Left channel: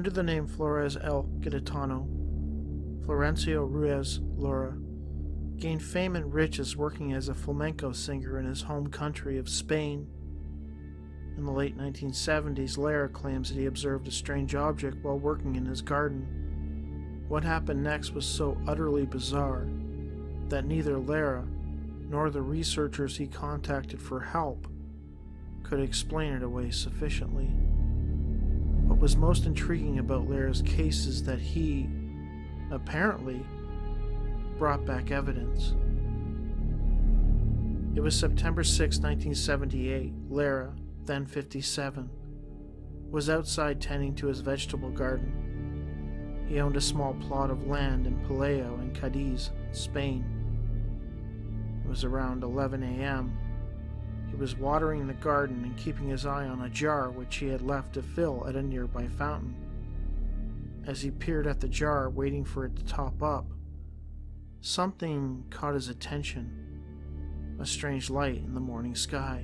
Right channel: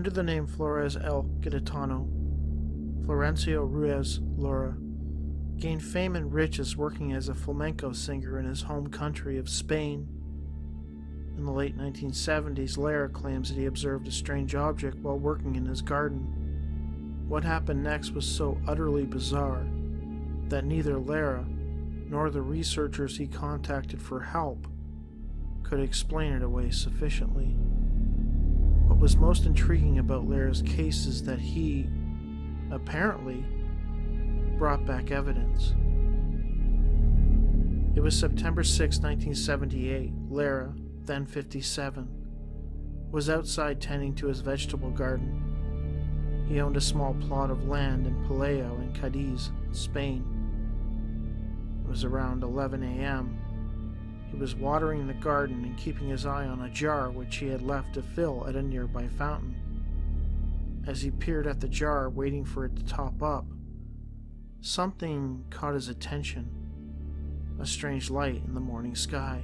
Under the name Flores El Gaditano, Florencio Ruiz Lora gained fame and riches working as a flamenco singer in his home country of Spain. In the late 1970s, Lara claims that he observed a strange object while working in his garden. What happened next was so utterly bizarre that neither Lara nor the researchers he contacted for help could explain it away sufficiently. What was most intriguing about Lara's case is that he, apparently, brought back evidence. It was September 6, 1978. Lara, then 57, was outside tending to his vegetable garden. He owned a small plot of land in Pelayo in Cadiz, Spain. It was around 11 a.m. He was watering the garden and keeping his eye on a jar which he had left to fill at a nearby fountain. As he peered at the jar, waiting for it to top up, something caught his attention: a strange light in the morning sky.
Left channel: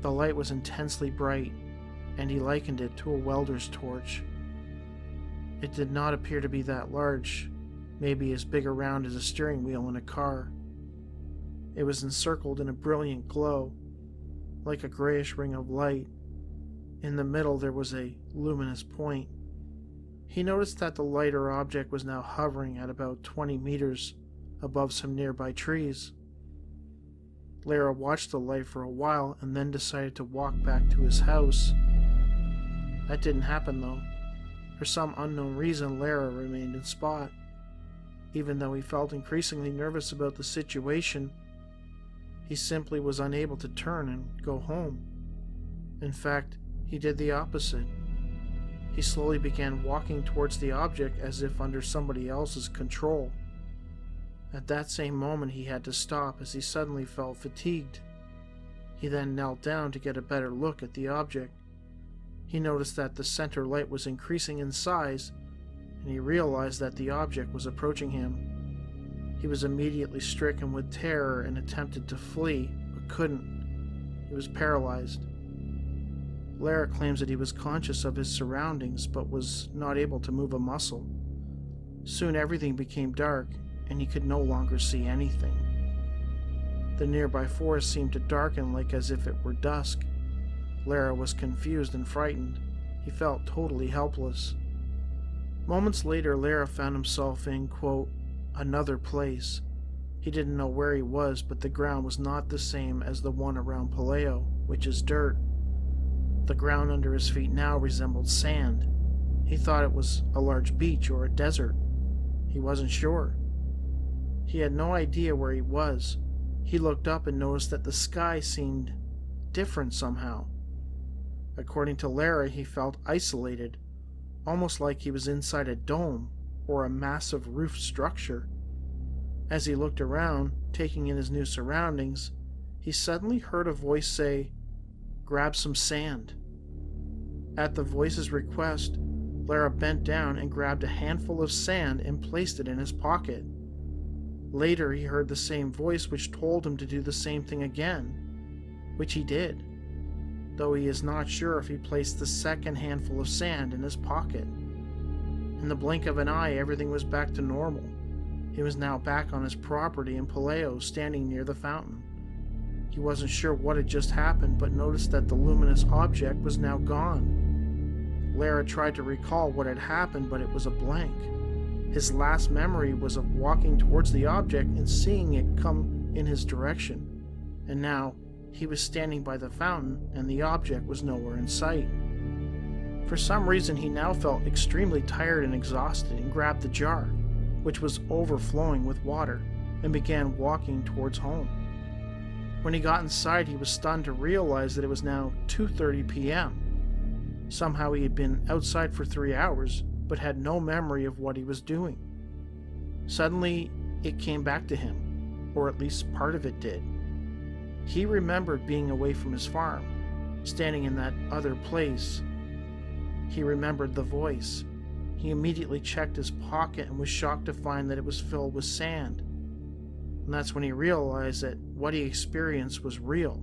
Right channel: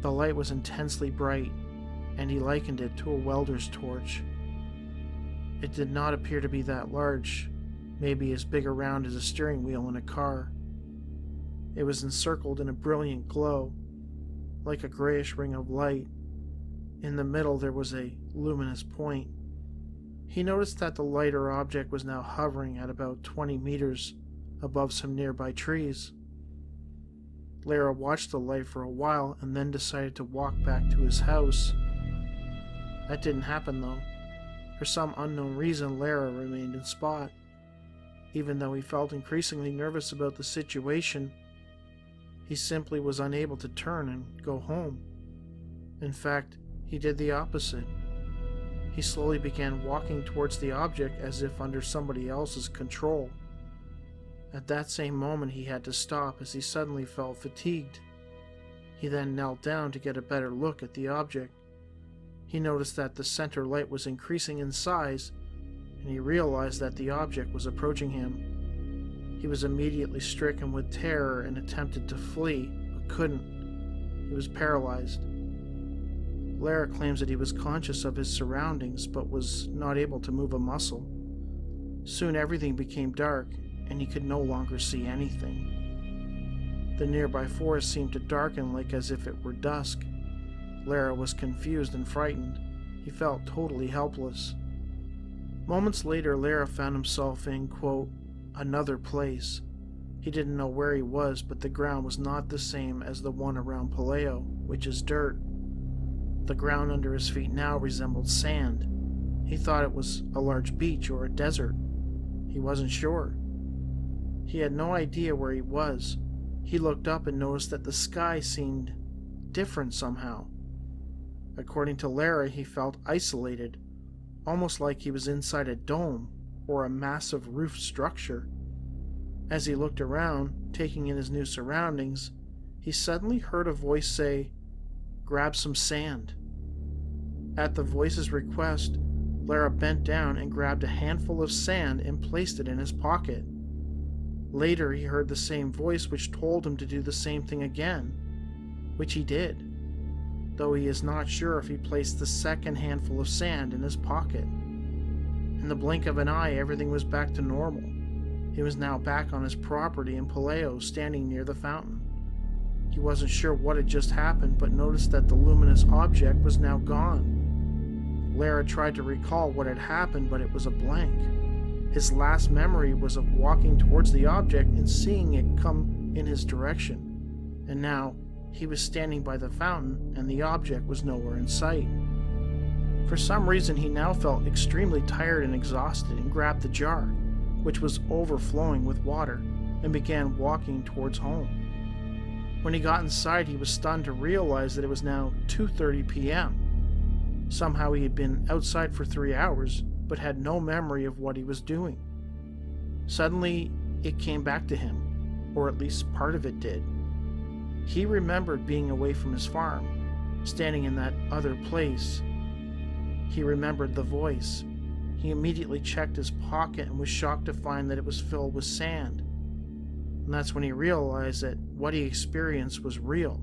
The light was intensely bright, and he likened it to a welder's torch. It did not appear to be that large, maybe as big around as a steering wheel in a car. It was encircled in a brilliant glow, like a grayish ring of light. In the middle there was a luminous point. He noticed that the light or object was now hovering at about 20 meters above some nearby trees. Lara watched the light for a while and then decided to walk back to his house. That didn't happen though. For some unknown reason, Lara remained in spot. Even though he felt increasingly nervous about the situation, he simply was unable to turn and go home. In fact, he did the opposite. He slowly began walking towards the object as if under somebody else's control. At that same moment he had to stop as he suddenly felt fatigued. He then knelt down to get a better look at the object. He noticed that the center light was increasing in size, and he realized that the object was approaching him. He was immediately stricken with terror and attempted to flee, but couldn't. He was paralyzed. Lara claims that he was conscious of his surroundings, but was not able to move a muscle. Soon everything became dark, and he could no longer see anything. The nearby forest seemed to darken like as if it were dusk. Lara was confused and frightened. He felt totally helpless. Moments later, Lara found himself in, quote, another place. He didn't know where he was, but the ground was not the same as the one around Pelayo, which is dirt. The ground under his feet now resembled sand. He thought it was a large beach or a desert. He wasn't sure. He had no idea where he was. He looked up and noticed that the sky seemed different somehow. According to Lara, he felt isolated, almost like he was inside a dome or a massive roof structure. As he looked around, taking in his new surroundings, he suddenly heard a voice say, "Grab some sand." At the voice's request, Lara bent down and grabbed a handful of sand and placed it in his pocket. Later, he heard the same voice which told him to do the same thing again, which he did, though he is not sure if he placed the second handful of sand in his pocket. In the blink of an eye, everything was back to normal. He was now back on his property in Pelayo, standing near the fountain. He wasn't sure what had just happened, but noticed that the luminous object was now gone. Lara tried to recall what had happened, but it was a blank. His last memory was of walking towards the object and seeing it come in his direction. And now, he was standing by the fountain, and the object was nowhere in sight. For some reason, he now felt extremely tired and exhausted and grabbed the jar, which was overflowing with water, and began walking towards home. When he got inside, he was stunned to realize that it was now 2:30 p.m. Somehow he had been outside for 3 hours, but had no memory of what he was doing. Suddenly, it came back to him, or at least part of it did. He remembered being away from his farm, standing in that other place. He remembered the voice. He immediately checked his pocket and was shocked to find that it was filled with sand. And that's when he realized that what he experienced was real,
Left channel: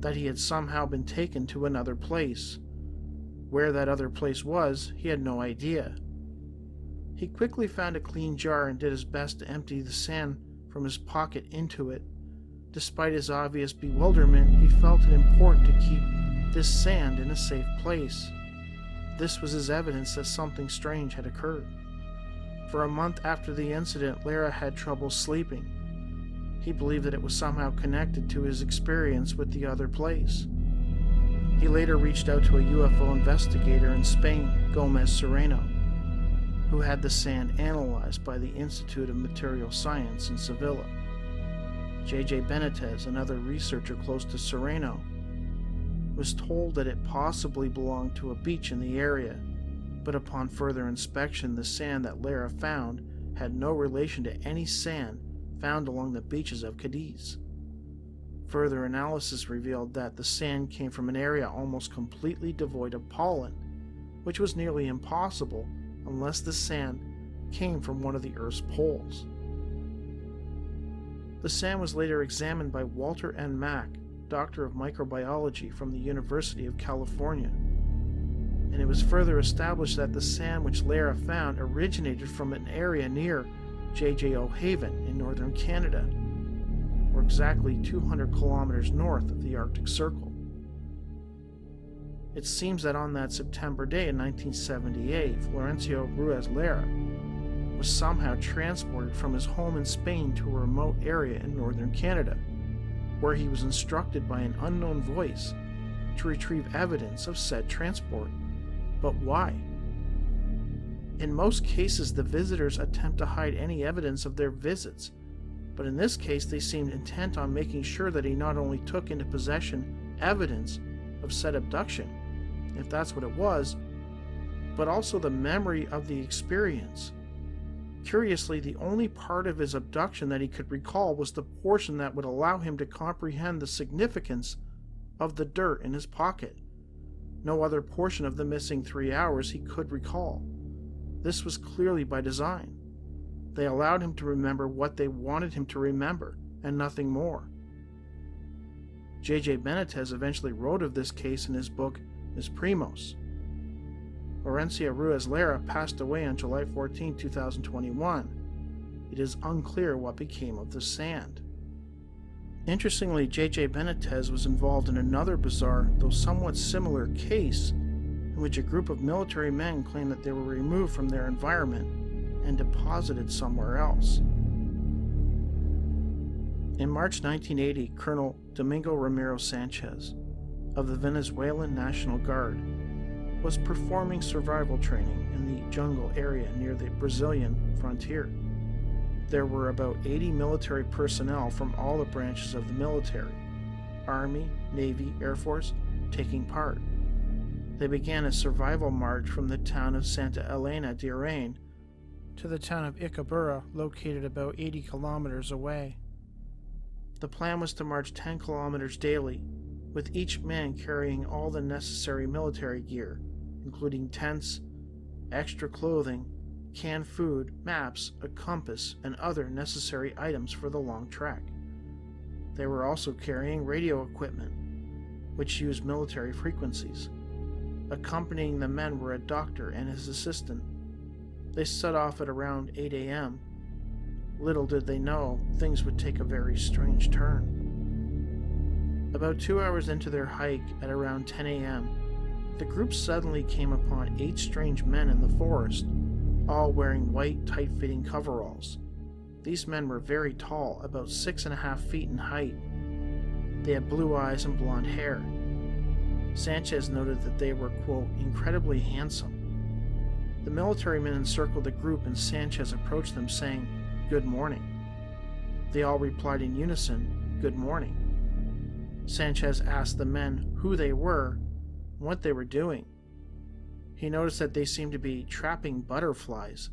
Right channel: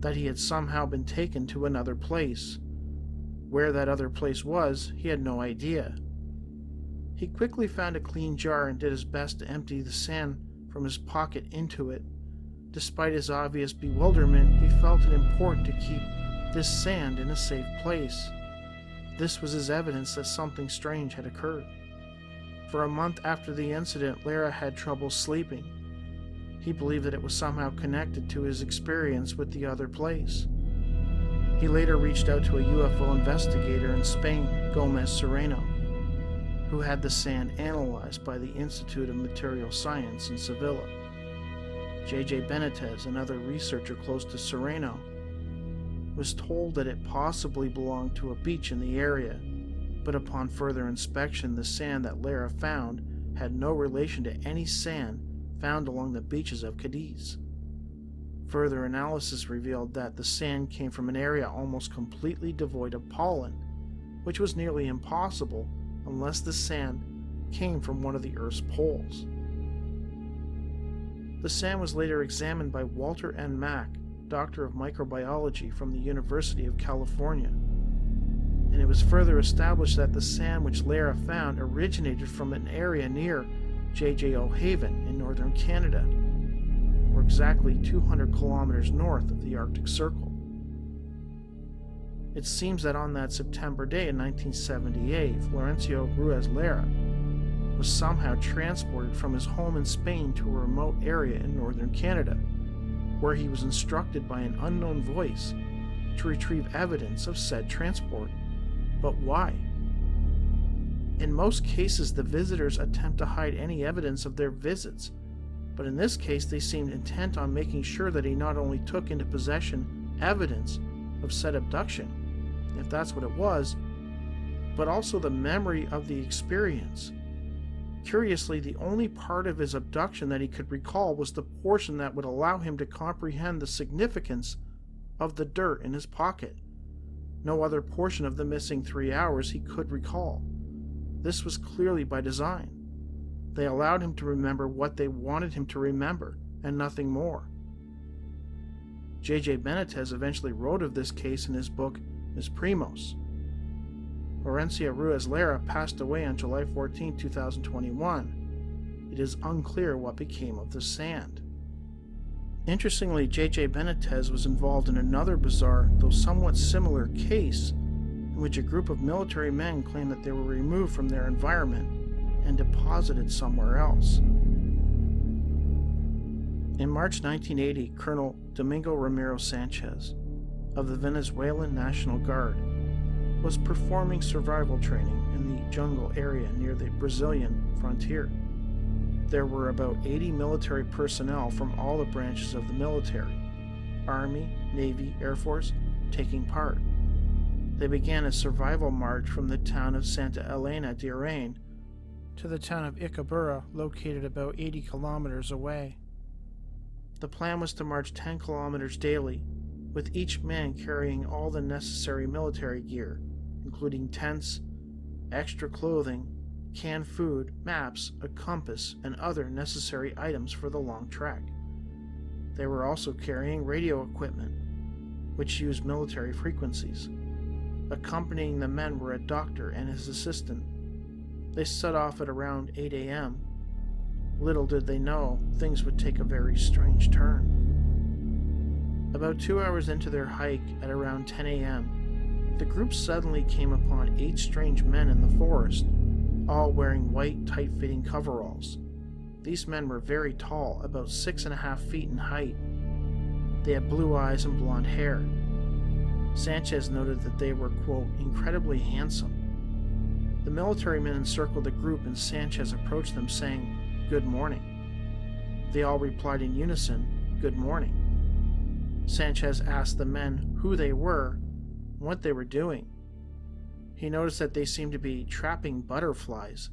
that he had somehow been taken to another place. Where that other place was, he had no idea. He quickly found a clean jar and did his best to empty the sand from his pocket into it. Despite his obvious bewilderment, he felt it important to keep this sand in a safe place. This was his evidence that something strange had occurred. For a month after the incident, Lara had trouble sleeping. He believed that it was somehow connected to his experience with the other place. He later reached out to a UFO investigator in Spain, Gomez Serrano, who had the sand analyzed by the Institute of Material Science in Sevilla. J.J. Benitez, another researcher close to Serrano, was told that it possibly belonged to a beach in the area, but upon further inspection, the sand that Lara found had no relation to any sand found along the beaches of Cadiz. Further analysis revealed that the sand came from an area almost completely devoid of pollen, which was nearly impossible unless the sand came from one of the Earth's poles. The sand was later examined by Walter N. Mack, Doctor of Microbiology from the University of California, and it was further established that the sand which Lara found originated from an area near J.J.O. Haven in northern Canada, or exactly 200 kilometers north of the Arctic Circle. It seems that on that September day in 1978, Florencio Ruiz Lara was somehow transported from his home in Spain to a remote area in northern Canada, where he was instructed by an unknown voice to retrieve evidence of said transport. But why? In most cases, the visitors attempt to hide any evidence of their visits, but in this case they seemed intent on making sure that he not only took into possession evidence of said abduction, if that's what it was, but also the memory of the experience. Curiously, the only part of his abduction that he could recall was the portion that would allow him to comprehend the significance of the dirt in his pocket. No other portion of the missing 3 hours he could recall. This was clearly by design. They allowed him to remember what they wanted him to remember, and nothing more. J.J. Benitez eventually wrote of this case in his book, Ms. Primos. Florencio Ruiz Lara passed away on July 14, 2021. It is unclear what became of the sand. Interestingly, J.J. Benitez was involved in another bizarre, though somewhat similar, case in which a group of military men claimed that they were removed from their environment and deposited somewhere else. In March 1980, Colonel Domingo Ramiro Sanchez of the Venezuelan National Guard was performing survival training in the jungle area near the Brazilian frontier. There were about 80 military personnel from all the branches of the military, Army, Navy, Air Force, taking part. They began a survival march from the town of Santa Elena de Arain to the town of Icabura, located about 80 kilometers away. The plan was to march 10 kilometers daily, with each man carrying all the necessary military gear, including tents, extra clothing, canned food, maps, a compass, and other necessary items for the long trek. They were also carrying radio equipment, which used military frequencies. Accompanying the men were a doctor and his assistant. They set off at around 8 a.m. Little did they know, things would take a very strange turn. About 2 hours into their hike at around 10 a.m., the group suddenly came upon 8 strange men in the forest, all wearing white, tight-fitting coveralls. These men were very tall, about 6.5 feet in height. They had blue eyes and blonde hair. Sanchez noted that they were, quote, incredibly handsome. The military men encircled the group and Sanchez approached them saying, "Good morning." They all replied in unison, "Good morning." Sanchez asked the men who they were and what they were doing. He noticed that they seemed to be trapping butterflies.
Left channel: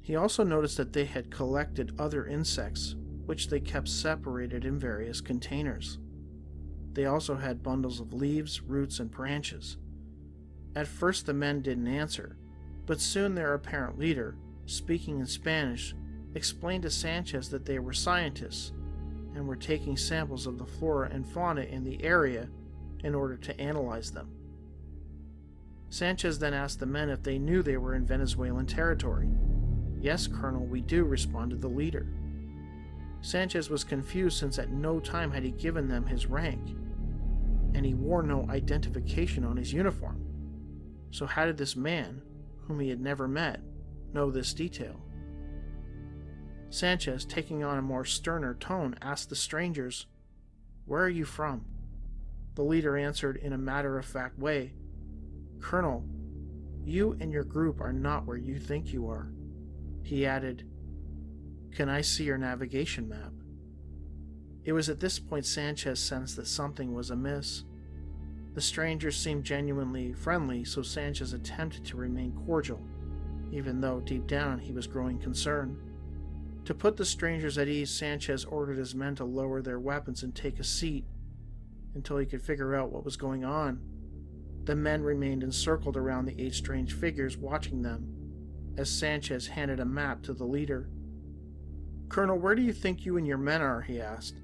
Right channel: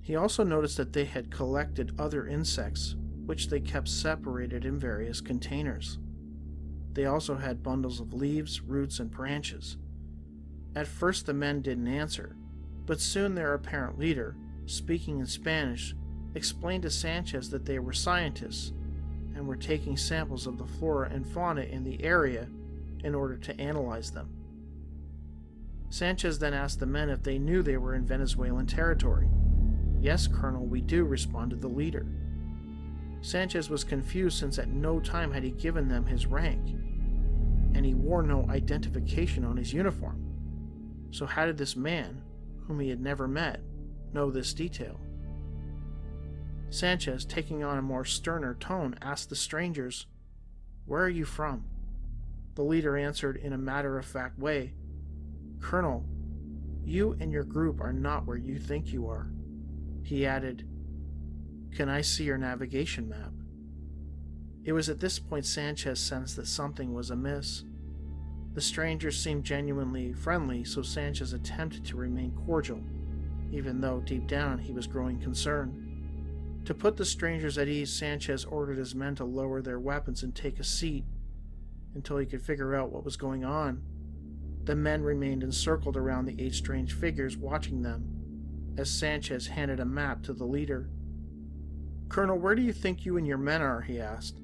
He also noticed that they had collected other insects, which they kept separated in various containers. They also had bundles of leaves, roots, and branches. At first the men didn't answer, but soon their apparent leader, speaking in Spanish, explained to Sanchez that they were scientists and were taking samples of the flora and fauna in the area in order to analyze them. Sanchez then asked the men if they knew they were in Venezuelan territory. "Yes, Colonel, we do," responded the leader. Sanchez was confused since at no time had he given them his rank, and he wore no identification on his uniform. So how did this man, whom he had never met, know this detail? Sanchez, taking on a more sterner tone, asked the strangers, "Where are you from?" The leader answered in a matter-of-fact way, "Colonel, you and your group are not where you think you are." He added, "Can I see your navigation map?" It was at this point Sanchez sensed that something was amiss. The strangers seemed genuinely friendly, so Sanchez attempted to remain cordial, even though deep down he was growing concerned. To put the strangers at ease, Sanchez ordered his men to lower their weapons and take a seat until he could figure out what was going on. The men remained encircled around the 8 strange figures, watching them, as Sanchez handed a map to the leader. "Colonel, where do you think you and your men are?" he asked.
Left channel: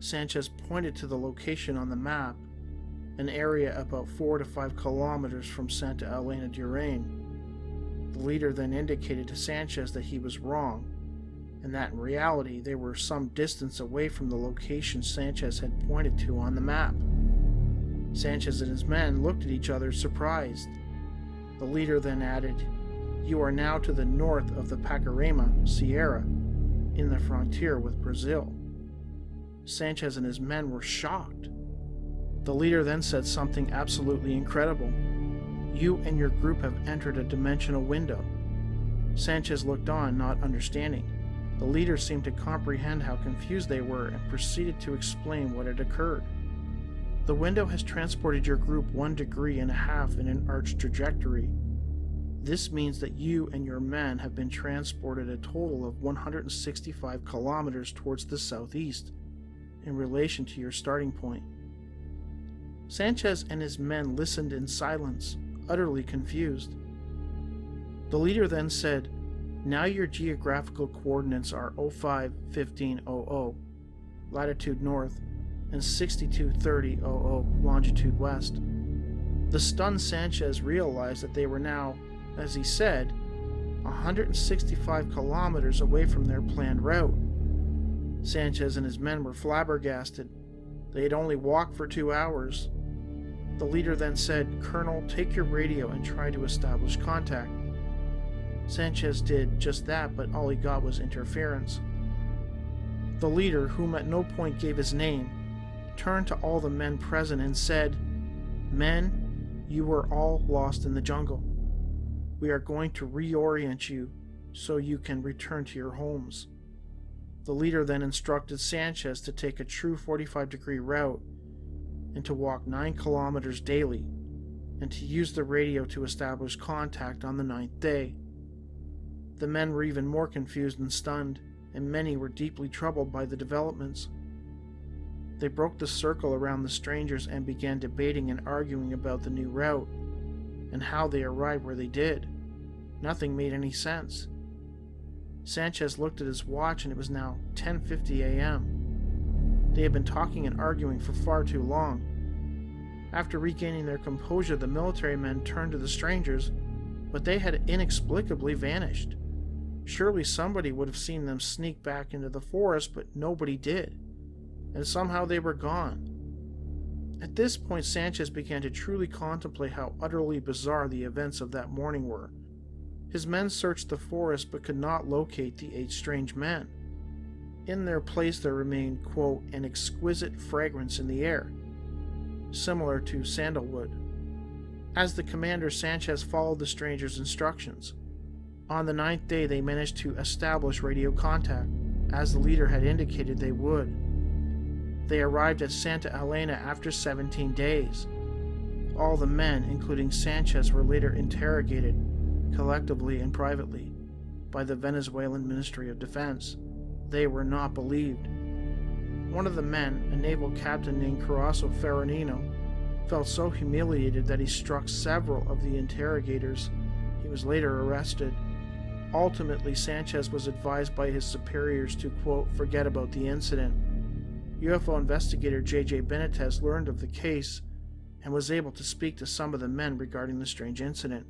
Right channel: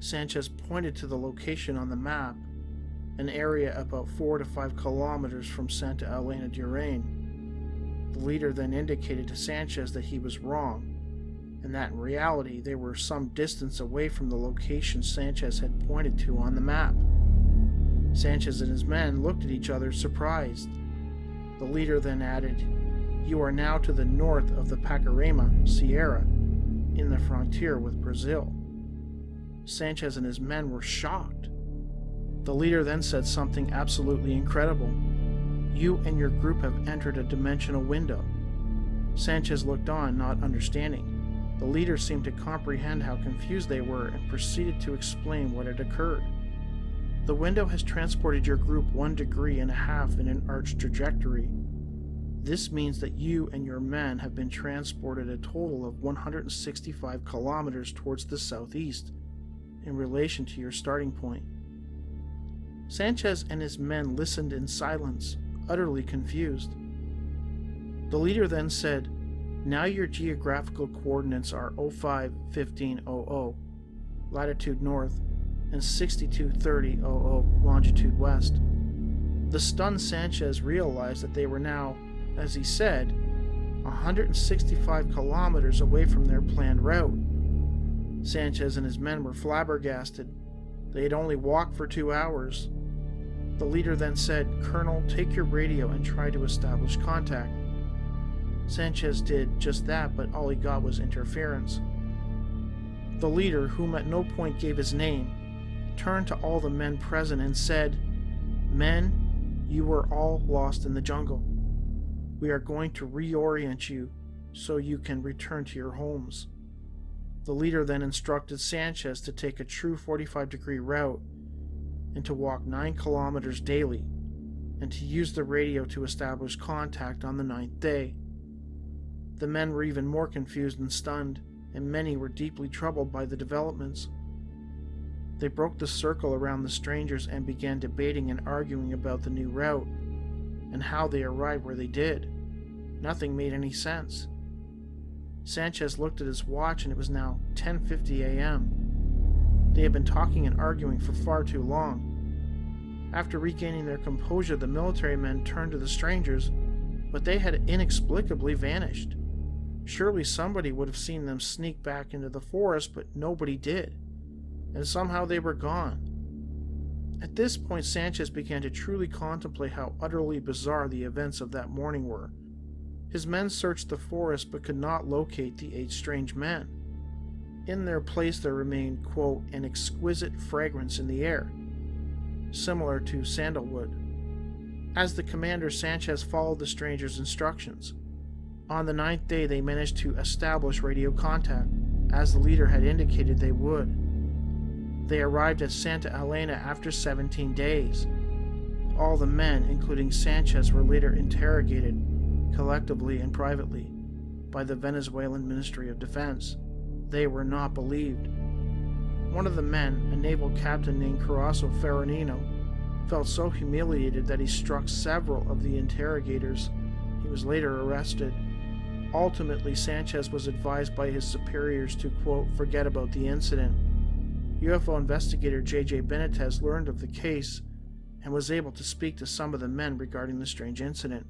Sanchez pointed to the location on the map, an area about 4 to 5 kilometers from Santa Elena Durain. The leader then indicated to Sanchez that he was wrong, and that in reality they were some distance away from the location Sanchez had pointed to on the map. Sanchez and his men looked at each other, surprised. The leader then added, "You are now to the north of the Pacarema Sierra, in the frontier with Brazil." Sanchez and his men were shocked. The leader then said something absolutely incredible. "You and your group have entered a dimensional window." Sanchez looked on, not understanding. The leader seemed to comprehend how confused they were and proceeded to explain what had occurred. "The window has transported your group 1.5 degrees in an arched trajectory. This means that you and your men have been transported a total of 165 kilometers towards the southeast in relation to your starting point." Sanchez and his men listened in silence, utterly confused. The leader then said, "Now your geographical coordinates are 05-1500, latitude north, and 62-3000, longitude west." The stunned Sanchez realized that they were now, as he said, 165 kilometers away from their planned route. Sanchez and his men were flabbergasted. They had only walked for 2 hours. The leader then said, "Colonel, take your radio and try to establish contact." Sanchez did just that, but all he got was interference. The leader, whom at no point gave his name, turned to all the men present and said, "Men, you were all lost in the jungle. We are going to reorient you so you can return to your homes." The leader then instructed Sanchez to take a true 45-degree route and to walk 9 kilometers daily, and to use the radio to establish contact on the 9th day. The men were even more confused and stunned, and many were deeply troubled by the developments. They broke the circle around the strangers and began debating and arguing about the new route, and how they arrived where they did. Nothing made any sense. Sanchez looked at his watch and it was now 10:50 a.m. They had been talking and arguing for far too long. After regaining their composure, the military men turned to the strangers, but they had inexplicably vanished. Surely somebody would have seen them sneak back into the forest, but nobody did, and somehow they were gone. At this point, Sanchez began to truly contemplate how utterly bizarre the events of that morning were. His men searched the forest but could not locate the 8 strange men. In their place there remained, quote, "an exquisite fragrance in the air," similar to sandalwood. As the commander, Sanchez followed the strangers' instructions. On the 9th day they managed to establish radio contact, as the leader had indicated they would. They arrived at Santa Elena after 17 days. All the men, including Sanchez, were later interrogated, collectively and privately, by the Venezuelan Ministry of Defense. They were not believed. One of the men, a naval captain named Carasso Ferranino, felt so humiliated that he struck several of the interrogators. He was later arrested. Ultimately, Sanchez was advised by his superiors to, quote, "forget about the incident." UFO investigator J.J. Benitez learned of the case and was able to speak to some of the men regarding the strange incident.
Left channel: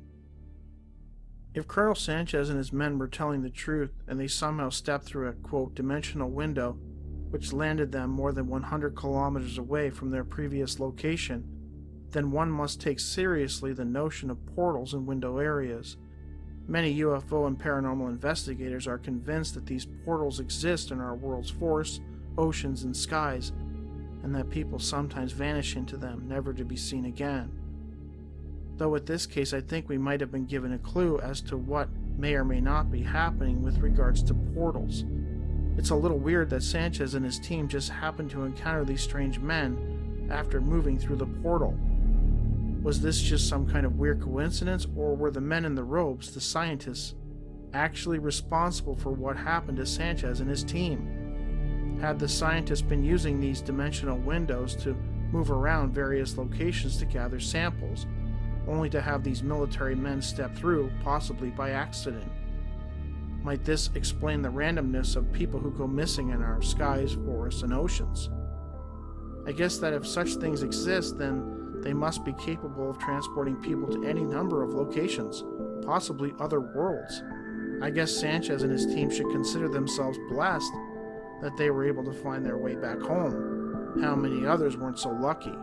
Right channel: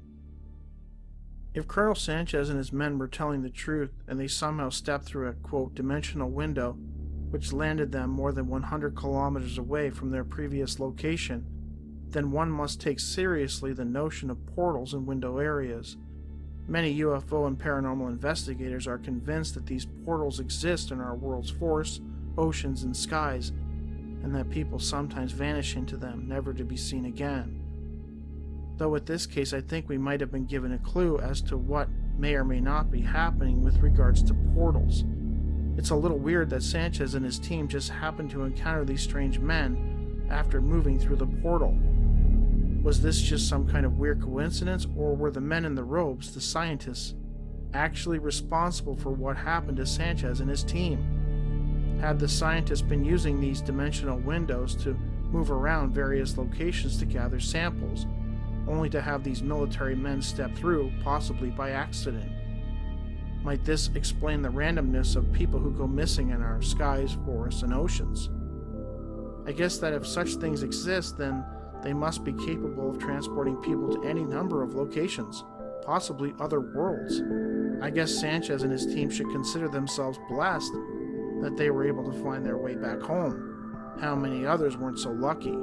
If Colonel Sanchez and his men were telling the truth and they somehow stepped through a, quote, dimensional window which landed them more than 100 kilometers away from their previous location, then one must take seriously the notion of portals in window areas. Many UFO and paranormal investigators are convinced that these portals exist in our world's forests, oceans, and skies, and that people sometimes vanish into them, never to be seen again. Though with this case, I think we might have been given a clue as to what may or may not be happening with regards to portals. It's a little weird that Sanchez and his team just happened to encounter these strange men after moving through the portal. Was this just some kind of weird coincidence, or were the men in the robes, the scientists, actually responsible for what happened to Sanchez and his team? Had the scientists been using these dimensional windows to move around various locations to gather samples, only to have these military men step through, possibly by accident? Might this explain the randomness of people who go missing in our skies, forests, and oceans? I guess that if such things exist, then they must be capable of transporting people to any number of locations, possibly other worlds. I guess Sanchez and his team should consider themselves blessed that they were able to find their way back home. How many others weren't so lucky?